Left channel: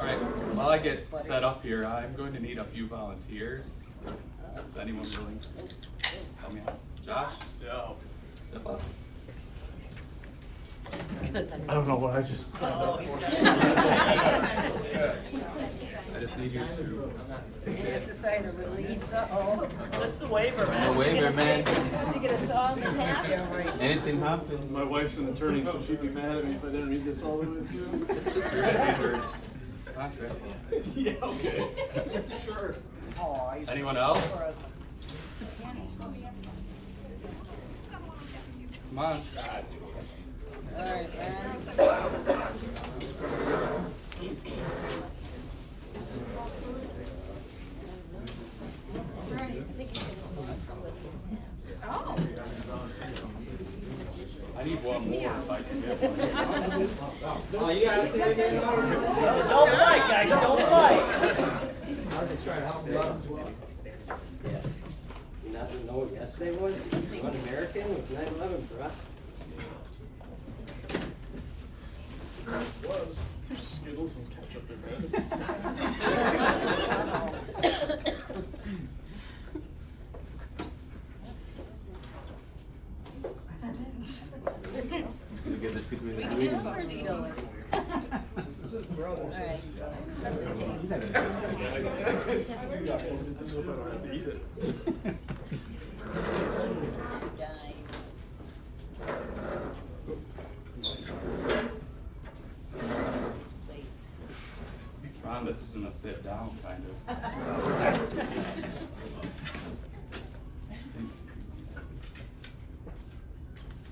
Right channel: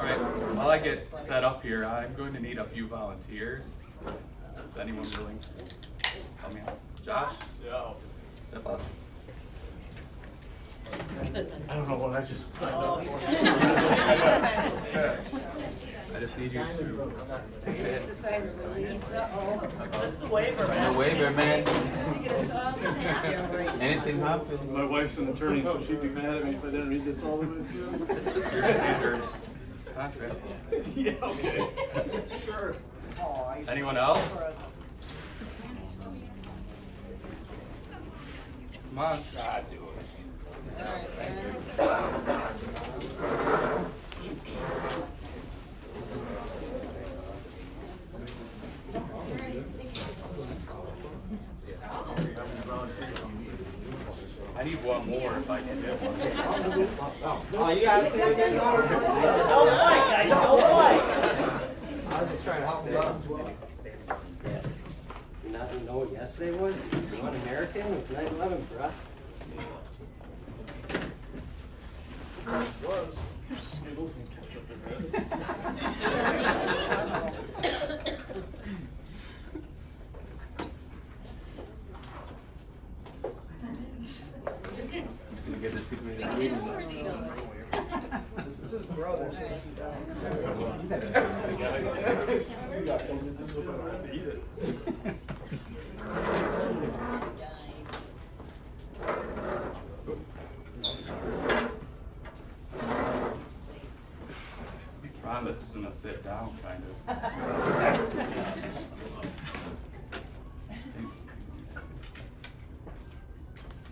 All right, while I get set up here, I'm going to need a few volunteers. Is anyone willing to help me out? Josh? Yeah. Step up. I don't know what I just said. I just need you to take it. Sign it. Sign a waiver, man. Anything happen? My wife's an attorney, so she'd be mad at me if I didn't read this all the way through. It's just your standard contract. Yeah, okay. Sure. Anyone else? Come on. I need one more if I can get one. Oh, you got it again? All right, guys, all right. I was just trying to help you out. You not know what yesterday was? You want American with 9/11 for us? Was. Skittles and ketchup in this. This is brother. So this is This one I have to eat it. Ron, this isn't a sit down kind of.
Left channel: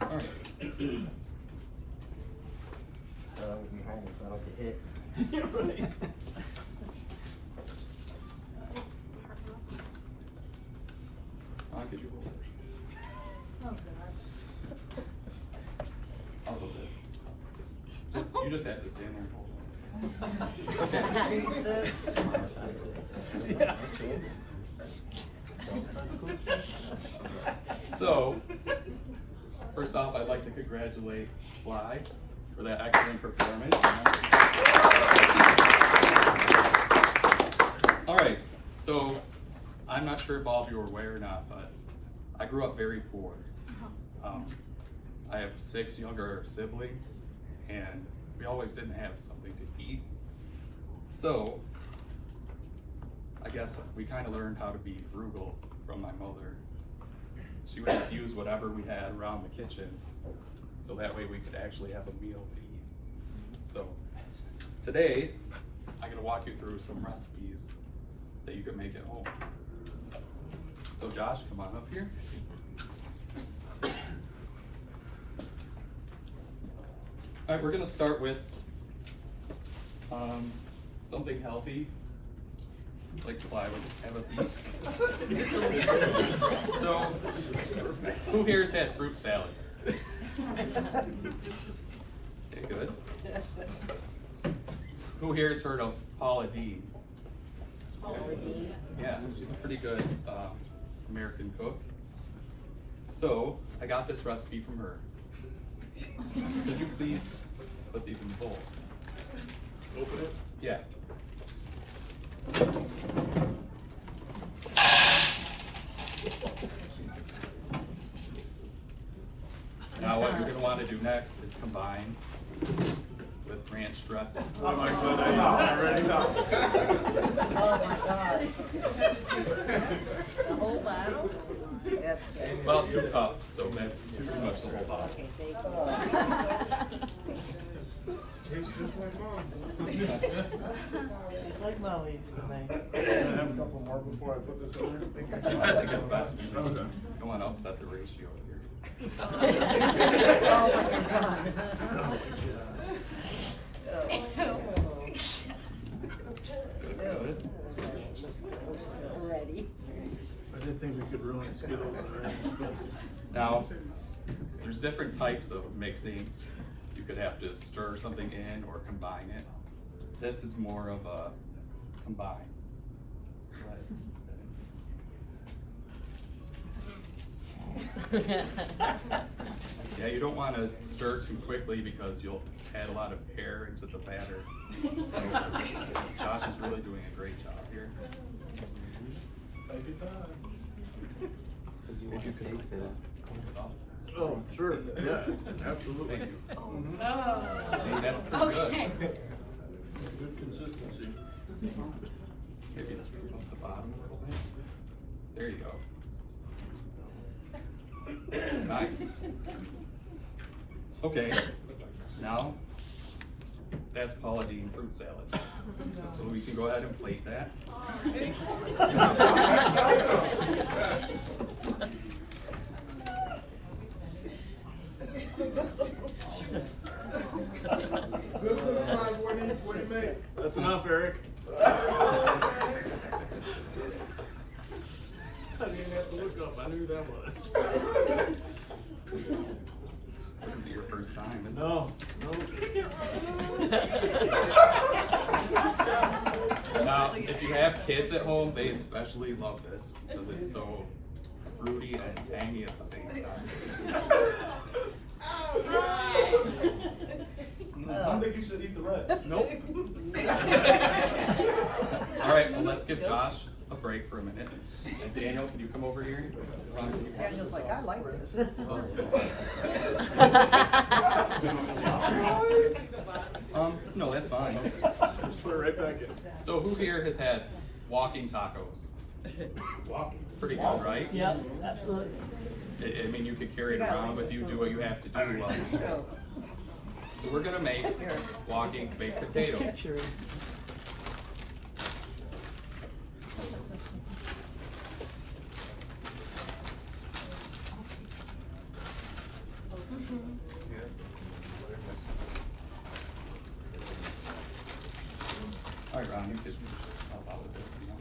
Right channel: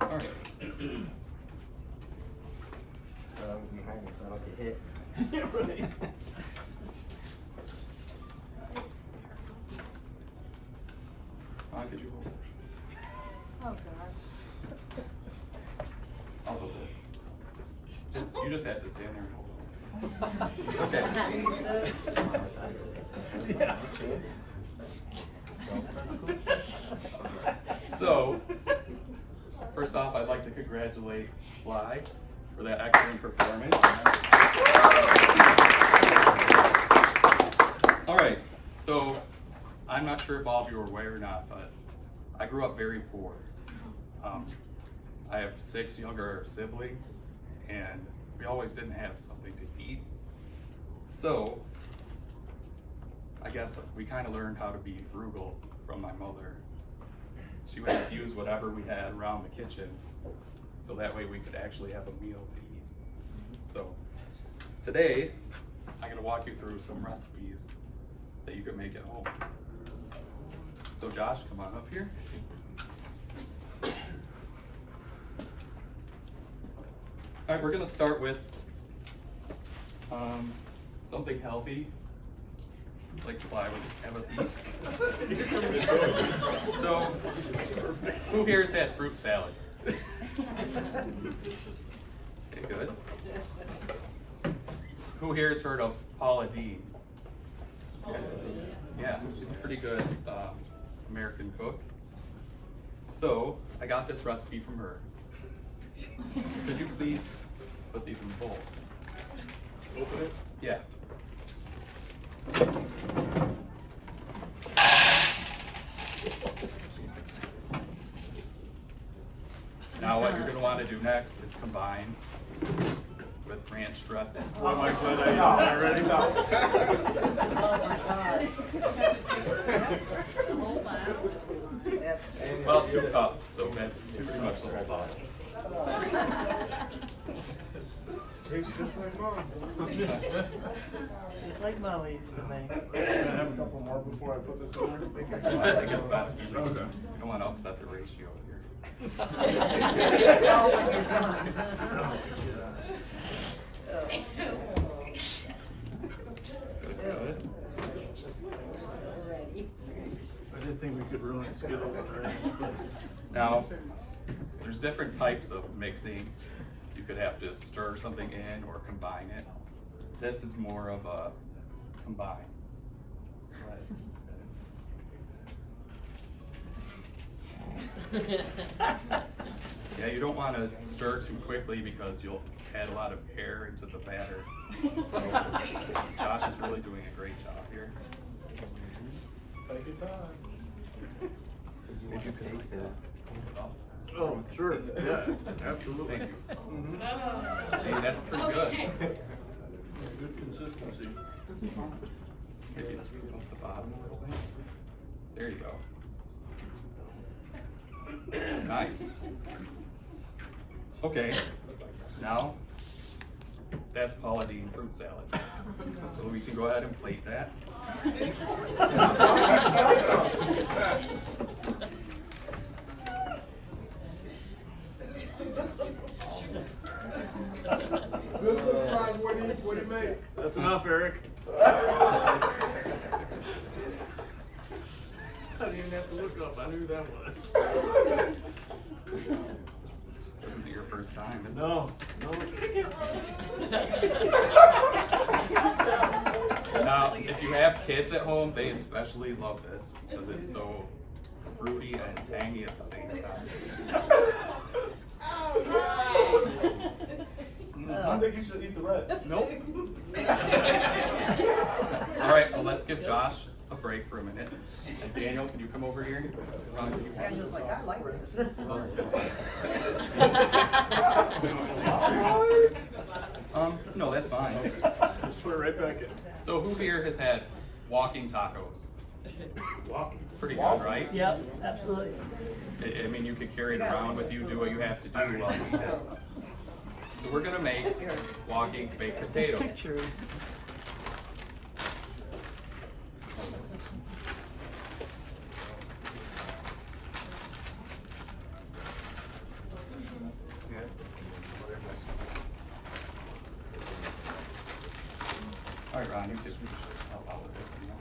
All right. Behind me so I don't get hit. Right. Ron, could you hold it? Oh, gosh. Also this. You just have to stand there and hold it. Okay. So, first off, I'd like to congratulate Sly for that excellent performance. All right, so I'm not sure if all of you are aware or not, but I grew up very poor. I have 6 younger siblings, and we always didn't have something to eat. So, I guess we kind of learned how to be frugal from my mother. She would just use whatever we had around the kitchen, so that way we could actually have a meal to eat. So, today, I'm gonna walk you through some recipes that you can make at home. So Josh, come on up here. All right, we're gonna start with something healthy, like Sly would have us eat. So, who here has had fruit salad? Okay, good. Who here has heard of Paula Deen? Yeah, she's a pretty good American cook. So, I got this recipe from her. Could you please put these in the bowl? Open it. Yeah. Now what you're going to want to do next is combine with ranch dressing. Boy, am I glad I ate that already now. Well, 2 cups, so that's pretty much the whole bottle. Tastes just like mom. It's like Molly used to make. Can I have a couple more before I put this in there? I think it's best if you Okay. don't want to upset the ratio here. Good. I didn't think we could ruin Skittles or anything, but Now, there's different types of mixing. You could have to stir something in or combine it. This is more of a combine. So go ahead and set it. Yeah, you don't want to stir too quickly because you'll add a lot of air into the batter. So Josh is really doing a great job here. Take your time. If you could move that. Oh, sure, yeah, absolutely. Thank you. Mhm. See, that's pretty good. Good consistency. Maybe scoop up the bottom a little bit. There you go. Nice. Okay, now that's Paula Deen fruit salad. So we can go ahead and plate that. That's enough, Eric. I didn't even have to look up, I knew that was. This isn't your first time, is it? No, no. Now, if you have kids at home, they especially love this because it's so fruity and tangy at the same time. I think you should eat the rest. Nope. All right, well, let's give Josh a break for a minute. And Daniel, can you come over here? Ron, can you watch this? No, that's fine. Just put it right back in. So who here has had walking tacos? Walking. Pretty good, right? Yep, absolutely. I mean, you could carry it around with you, do what you have to do while you eat it. So we're gonna make walking baked potatoes. Pictures. All right, Ron, you could help out with this. You know?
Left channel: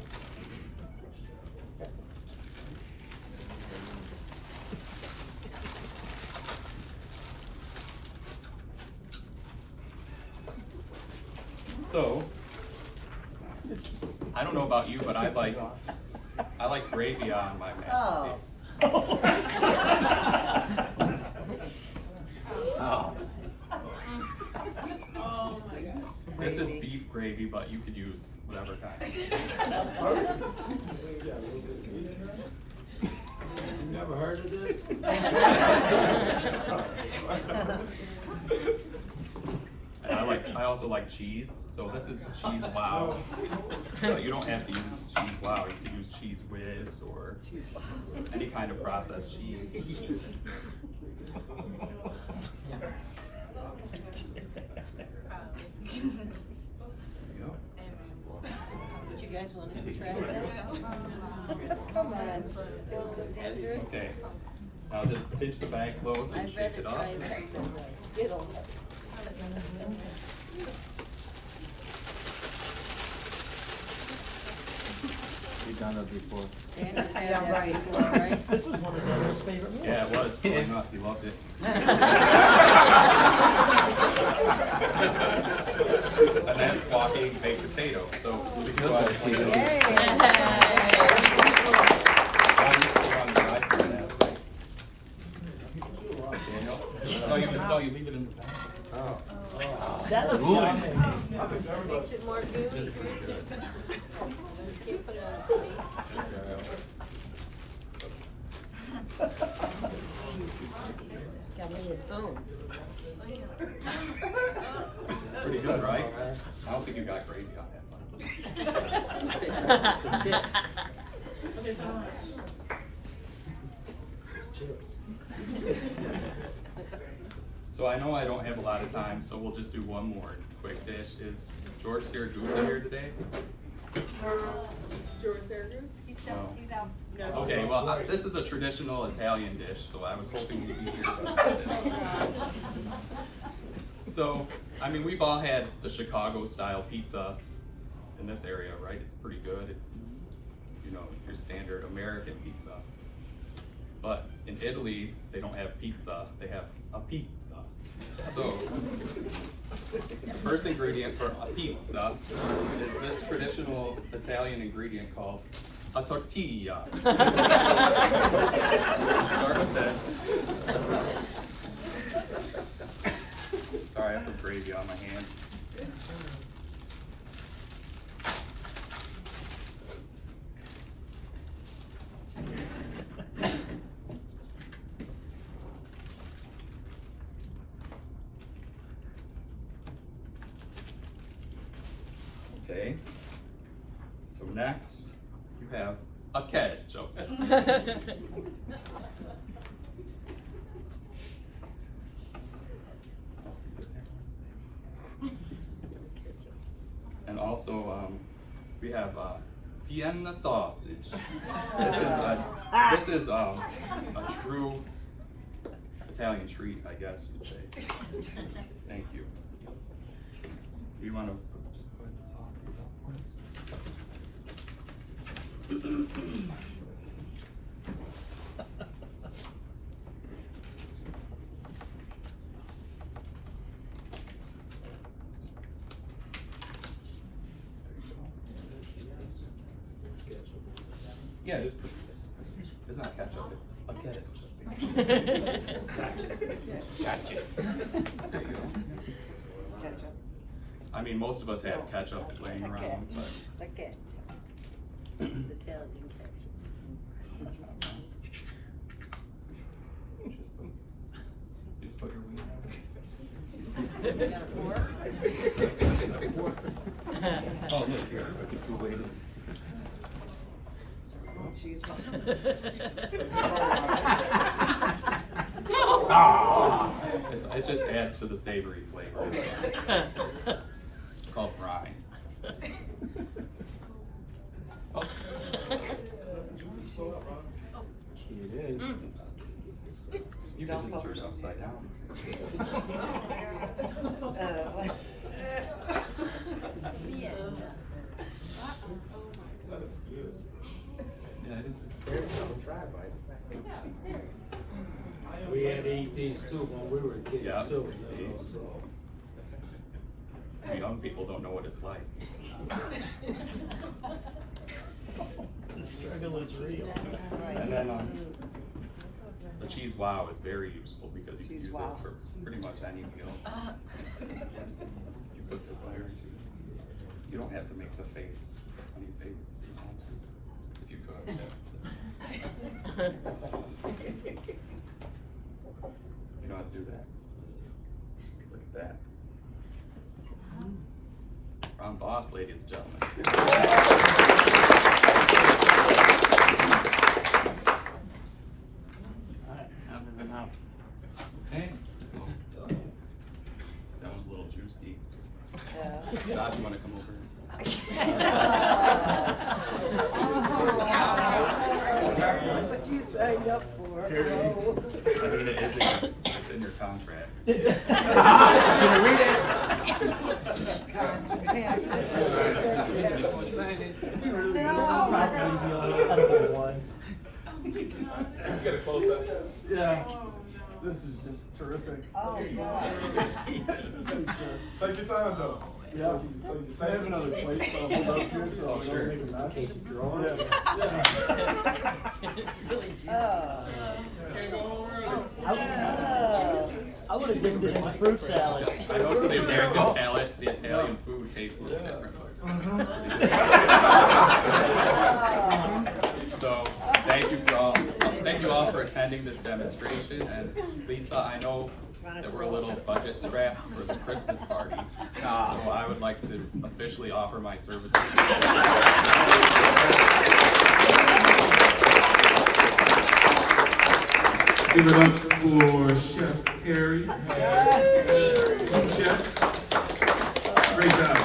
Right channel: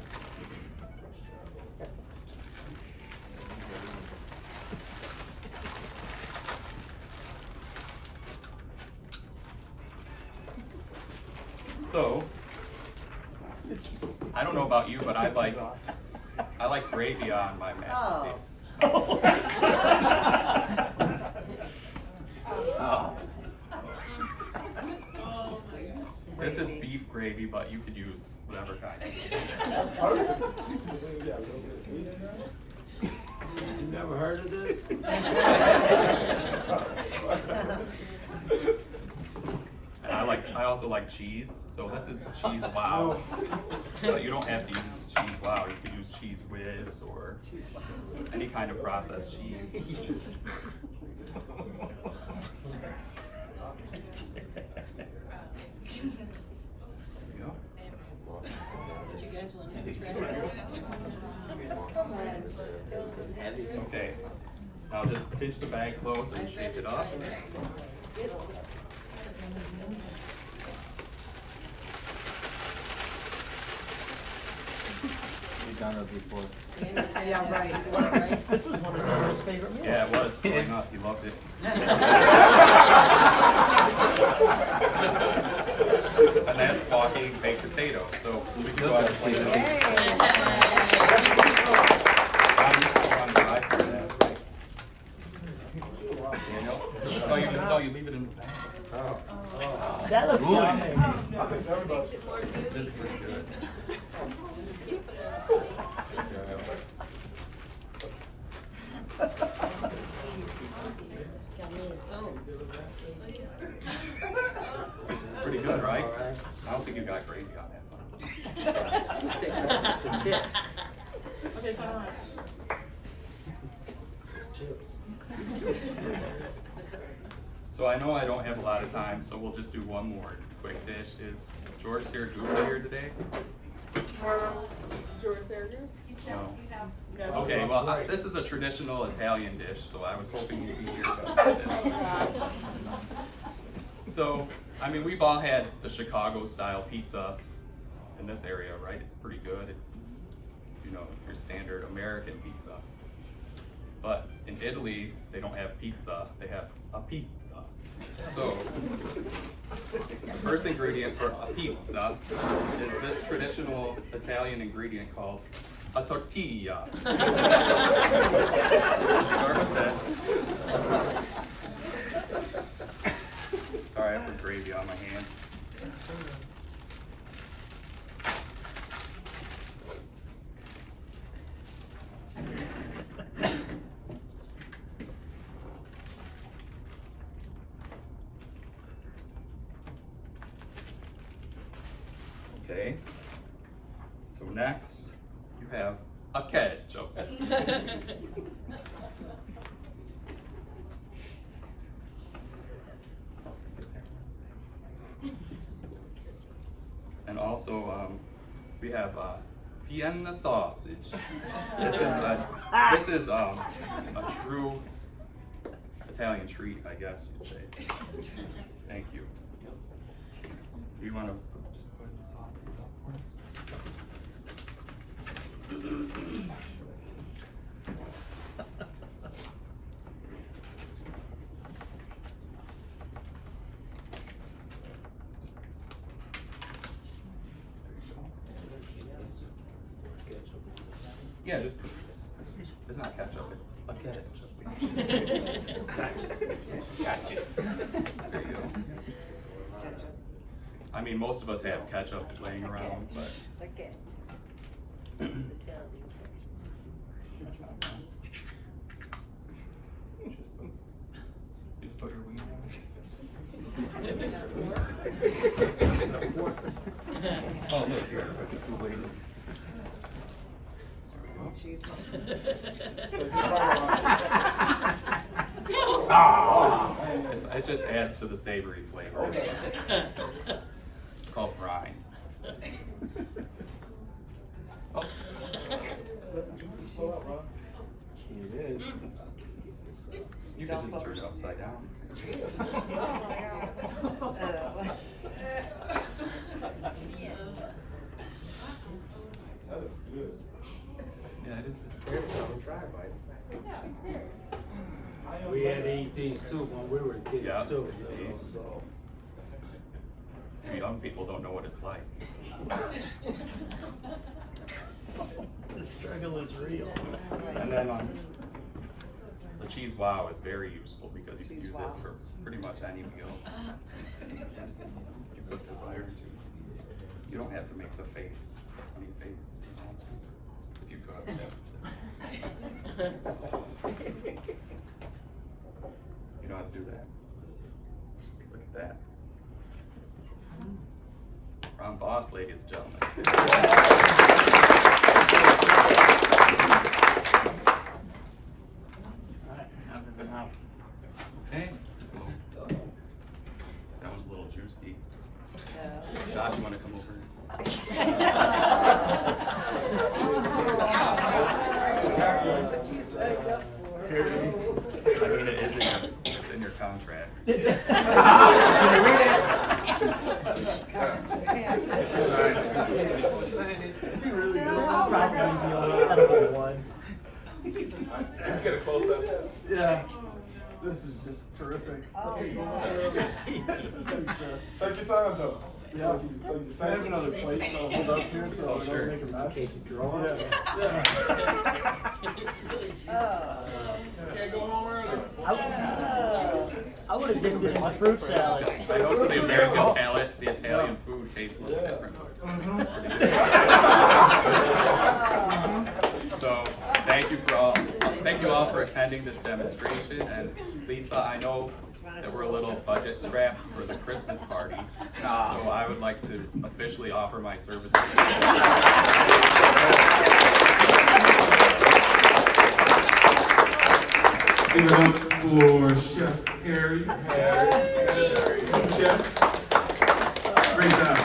So, I don't know about you, but I like gravy on my mashed potatoes. This is beef gravy, but you could use whatever kind. You never heard of this? And I also like cheese, so this is cheese wow. But you don't have to use cheese wow, you can use cheese whiz or any kind of processed cheese. Would you guys want to try it? Okay, now just pinch the bag close and shake it up. We've done it before. Yeah, right. This was one of Daniel's favorite meals. Yeah, it was growing up, he loved it. And that's walking baked potato, so we can go ahead and plate those. On the dry side of that, right? Daniel? No, you leave it in the bag. Oh. That looks yummy. This is pretty good. Pretty good, right? I don't think you got gravy on that one. So I know I don't have a lot of time, so we'll just do one more quick dish. Is George Siragusa here today? George Syracuse? No. Okay, well, this is a traditional Italian dish, so I was hoping you'd be here, but. So, I mean, we've all had the Chicago-style pizza in this area, right? It's pretty good. It's, you know, your standard American pizza. But in Italy, they don't have pizza, they have a pizza. So, the first ingredient for a pizza is this traditional Italian ingredient called a tortilla. Start with this. Sorry, I have some gravy on my hands. Okay, so next you have a ketchup. And also we have Vienna sausage. This is a true Italian treat, I guess you'd say. Thank you. Do you want to just go ahead and sauce these up for us? Yeah, just put it's not ketchup, it's a ketchup. Gotcha. There you go. I mean, most of us have ketchup laying around, but. Okay. Just put your wiener on it. Oh, look here. It just adds to the savory flavor. It's called brine. Oh. It is. You can just turn it upside down. Yeah, it is. We had to eat these too when we were kids Yeah, too, see. you know, so. You young people don't know what it's like. The struggle is real. And then the cheese wow is very useful because you can use it for pretty much any meal. You put this there too. You don't have to make the face, funny face. If you could. You know how to do that. Look at that. Round boss, ladies and gentlemen. Okay, so that one's a little juicy. Josh, you want to come over? What you signed up for? I mean, it's in your contract. Probably the only edible one. Get a close up. Yeah. This is just terrific. Take your time though. Yeah. I have another plate, so I'll hold up here so I Oh, sure. don't make a mess. In case you draw. Yeah. Can't go home early. I would have dipped it in the fruit salad. I know to the American palate, the Italian food tastes a little different, but it's pretty good. So, thank you all for attending this demonstration. And Lisa, I know that we're a little budget strapped for the Christmas party, so I would like to officially offer my services. Give it up for Chef Harry. Chefs. Great job.